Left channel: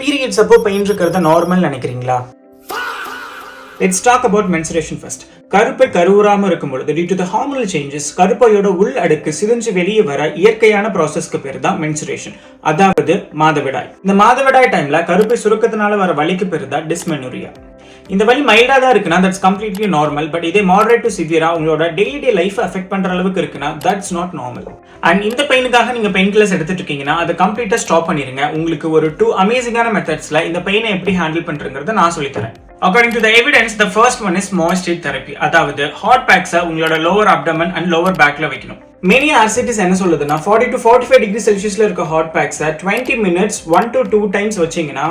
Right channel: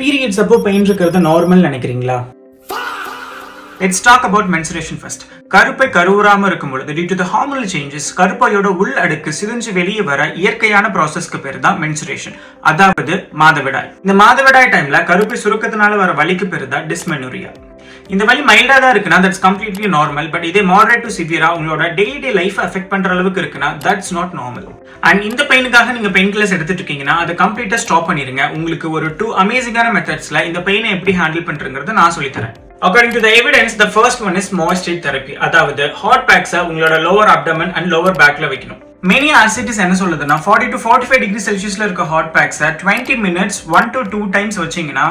Periods அப்போ pain இருக்கிறது normal நினைக்கிறீங்களா? Let's talk about menstruation first. கருப்பை கருவுறாம இருக்கும் பொழுது due to the hormonal changes கருப்பையோட உள் அடுக்கு சிதைஞ்சு வெளியே வர இயற்கையான ப்ராசஸ்க்கு பேர் தான் மென்சுரேஷன், அதாவது மாதவிடாய். இந்த மாதவிடாய் டைம்ல கருப்பை சுருக்கத்தினால வர வலிக்கு பேர் தான் டிஸ்மெனோரியா. இந்த வலி மைல்டா தான் இருக்குன்னா தட்ஸ் கம்ப்ளீட்லி நார்மல். பட் இதே மாடரேட் டு சிவியரா உங்களோட டெய்லி லைஃப் அஃபெக்ட் பண்ற அளவுக்கு இருக்குன்னா தட்ஸ் நாட் நார்மல். அண்ட் இந்த பெயினுக்காக நீங்க பெயின் கில்லர்ஸ் எடுத்துட்டு இருக்கீங்கன்னா அதை கம்ப்ளீட்டா ஸ்டாப் பண்ணிருங்க. உங்களுக்கு ஒரு 2 அமேசிங்கான மெத்தட்ஸ்ல இந்த பெயினை எப்படி ஹேண்டில் பண்றதுங்கிறத நான் சொல்லித்தரேன். According to the evidence, the first one is moisture therapy. அதாவது hot packs உங்களோட lower abdomen and lower backல வைக்கணும். Many RCTs என்ன சொல்லுதுன்னா 40 to 45 degree Celsiusல இருக்க hot packs 20 minutes 1 to 2 times வச்சீங்கன்னா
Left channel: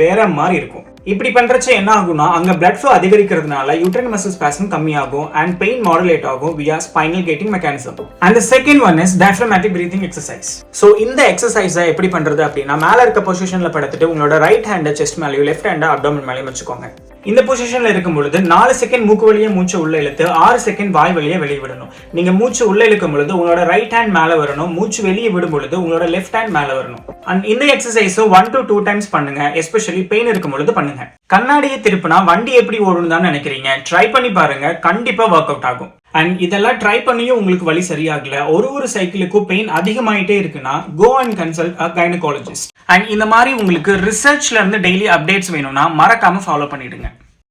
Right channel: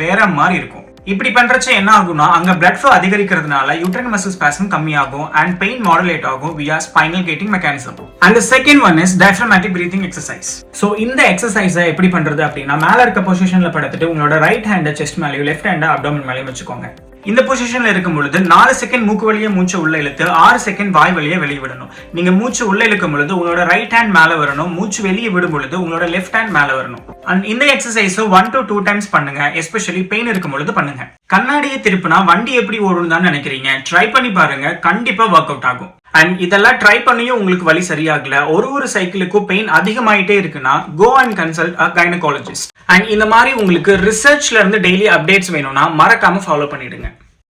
வேற மாதிரி இருக்கும். இப்படி பண்றச்ச என்ன ஆகும்னா அங்க blood flow அதிகரிக்கிறதுனால uterine muscle spasm கம்மியாகும் and pain moderate ஆகும் via spinal gating mechanism. And the second one is diaphragmatic breathing exercise. So இந்த எக்ஸசைஸ் எப்படி பண்றது அப்படின்னா மேல இருக்க பொசிஷன்ல படுத்துட்டு உங்களோட ரைட் ஹேண்ட செஸ்ட் மேலயும் லெஃப்ட் ஹேண்ட அப்டோமன் மேலயும் வச்சுக்கோங்க. இந்த பொசிஷன்ல இருக்கும் பொழுது 4 செகண்ட் மூக்கு வழியே மூச்சு உள்ள இழுத்து 6 செகண்ட் வாய் வழியே வெளியே விடணும். நீங்க மூச்சு உள்ள இழுக்கும் பொழுது உங்களோட ரைட் ஹேண்ட் மேல வரணும், மூச்சு வெளியே விடும் பொழுது உங்களோட லெஃப்ட் ஹேண்ட் மேல வரணும். அண்ட் இந்த எக்ஸசைஸ் 1 to 2 டைம்ஸ் பண்ணுங்க, எஸ்பெஷலி பெயின் இருக்கும் பொழுது பண்ணுங்க. கண்ணாடியை திருப்பினா வண்டி எப்படி ஓடுன்னு தான் நினைக்கிறீங்க, ட்ரை பண்ணி பாருங்க, கண்டிப்பா ஒர்க் அவுட் ஆகும். அண்ட் இதெல்லாம் ட்ரை பண்ணியும் உங்களுக்கு வலி சரியாகல, ஒரு சைக்கிளுக்கும் பெயின் அதிகமாயிட்டே இருக்குன்னா go and consult a gynaecologist. And இந்த மாதிரி உங்களுக்கு ரிசர்ச்ல இருந்து டெய்லி அப்டேட்ஸ் வேணும்னா மறக்காம ஃபாலோ பண்ணிடுங்க.